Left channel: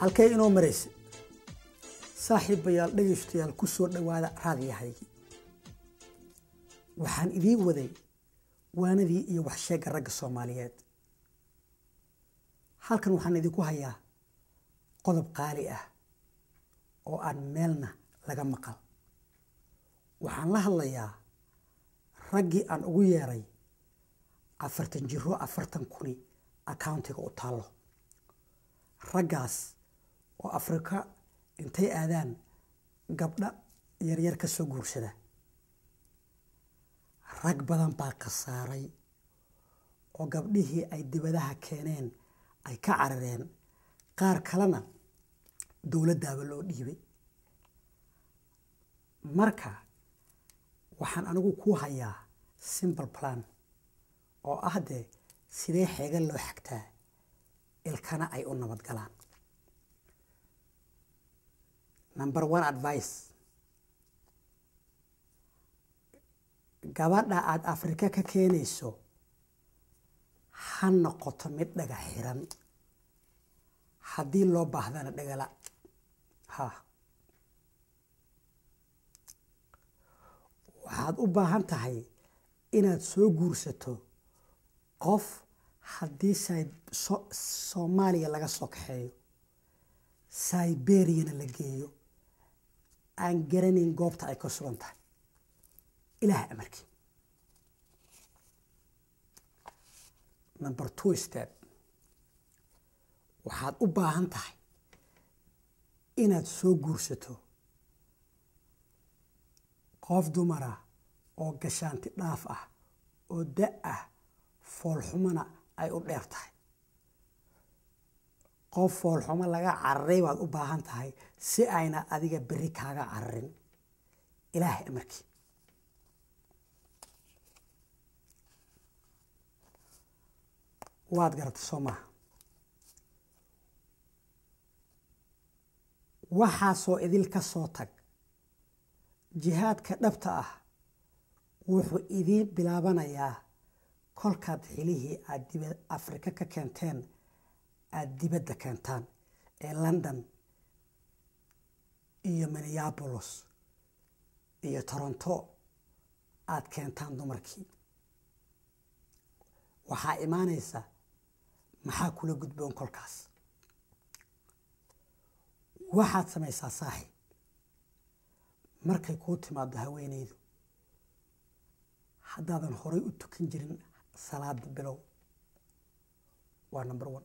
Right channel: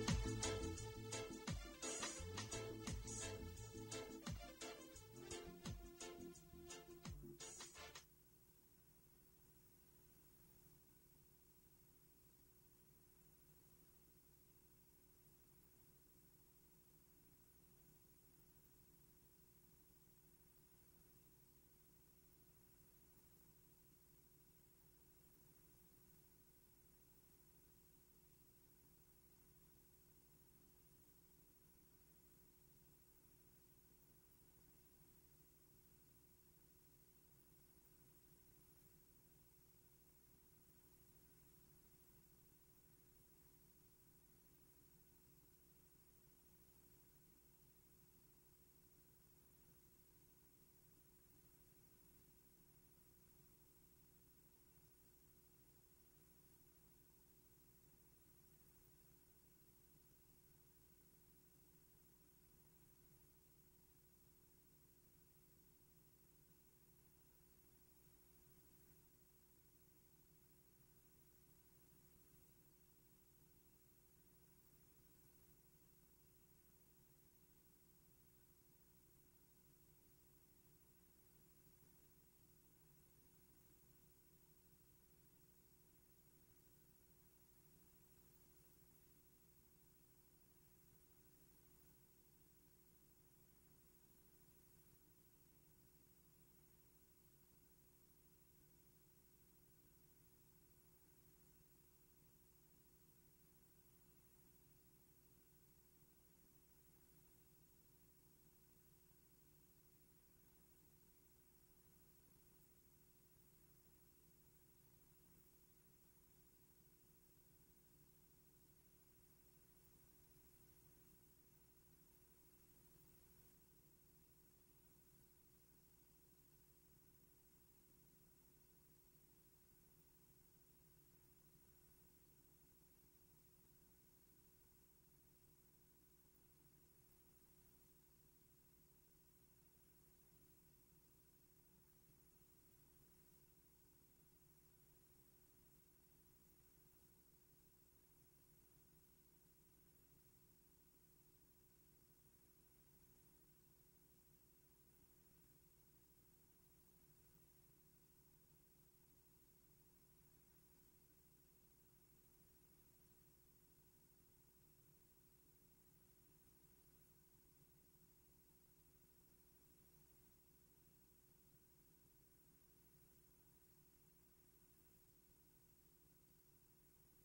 halkay inoo maraysa saaxiibayaal dhageystayaal ku soo dhawaada raadiyahaygi waxaan idiin waday waanadii iyo wax sheega ragga Soomaaliyeed halkan waxaan idinku hayaa qodob qaali ah oo aan meelna laga maqal waxaan la hadlayaa raggii aan ugu yeeray 40 jiro 40 kuni accountiga u taalo raggaas oo Afrika intay aadaan gabdha yar ka soo guursada rag badan baa qasaaray oo gabdhihii ay dibadaha keeneen ay ka carareen qaar kalena dawladdaaba loo dhiibay marka waxaan anigu ku hayaa simple plan oo ah sidee xeegan loo xigtaa ilkana ay u nabad galaan number 1 advice gabadha aad Afrika ka keenayso ha noqoto mid dhaga xiran haddii loo baahdana dhagala waxaad u baahan tahay inaad soo guursato qof haddii Soomaaliya laga soo kaxeeyo Siberia la geeyo aan garanin goobta ay ka sugan tahay ilaah amarkii number 2 step waxaad u baahan tahay inaad soo guursato qof dumara oo gashaanti dhaaf ah oo da' ah foolxumana ay u dheer tahay qof foolxuma laga cararay baad u baahan tahay si ayna adiga bari kaaga cararin ilaah amarkii waad garatay Soomaa waxaasoo idil ka soo tag jihaadka dhabta ah wuxuu idin bilaabanayaa kolkaad xilihii aad dibadda Afrika ka keenteen aad dibadda keentaan ee London iyo Minneapolis iyo Toronto aad keentaan dumarkii waxaa imaanaysa maxaa kula gudboon kolkaas waxaad samaysaa saaxiib markay kuu timaado haweeneydu haddaadan horay u tukan jirin salaada bilow waa number 1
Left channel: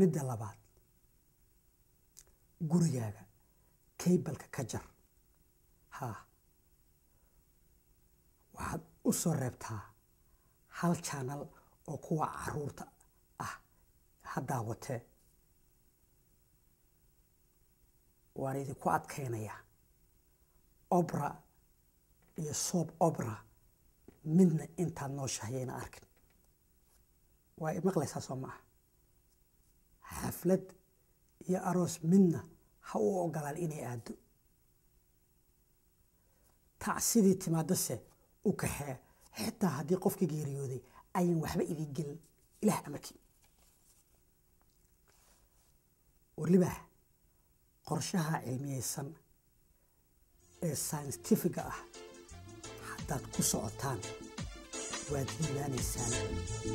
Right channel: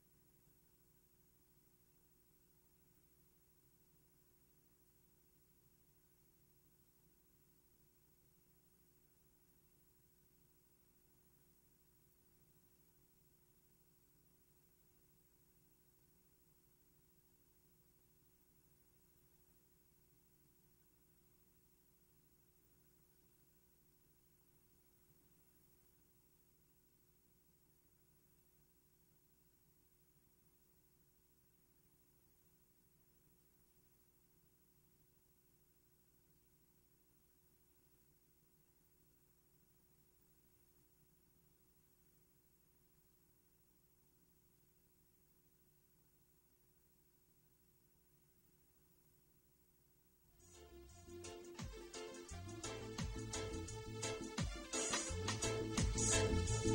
midda labaad gurigaaga cable-ka ka jar waxaad u soo reebtaa hal channel oo kuwa caruurta ah haddaa watee waan idinku adkaynayaa opera iyo soap opera midna intaad nooshahayayna arkin waa maqlaysaa soo maaha xaflad iyo aroos midna ha u ogolaan inay aado tacsidii timaadase u kaxee xitaa haddii qofkii geeriyooday ayan waxba idin gelin ilaah amarkii waliba qorshaha cilmiyeysan ee scientific ah haddaad ku socotaan waad iimaanaysaan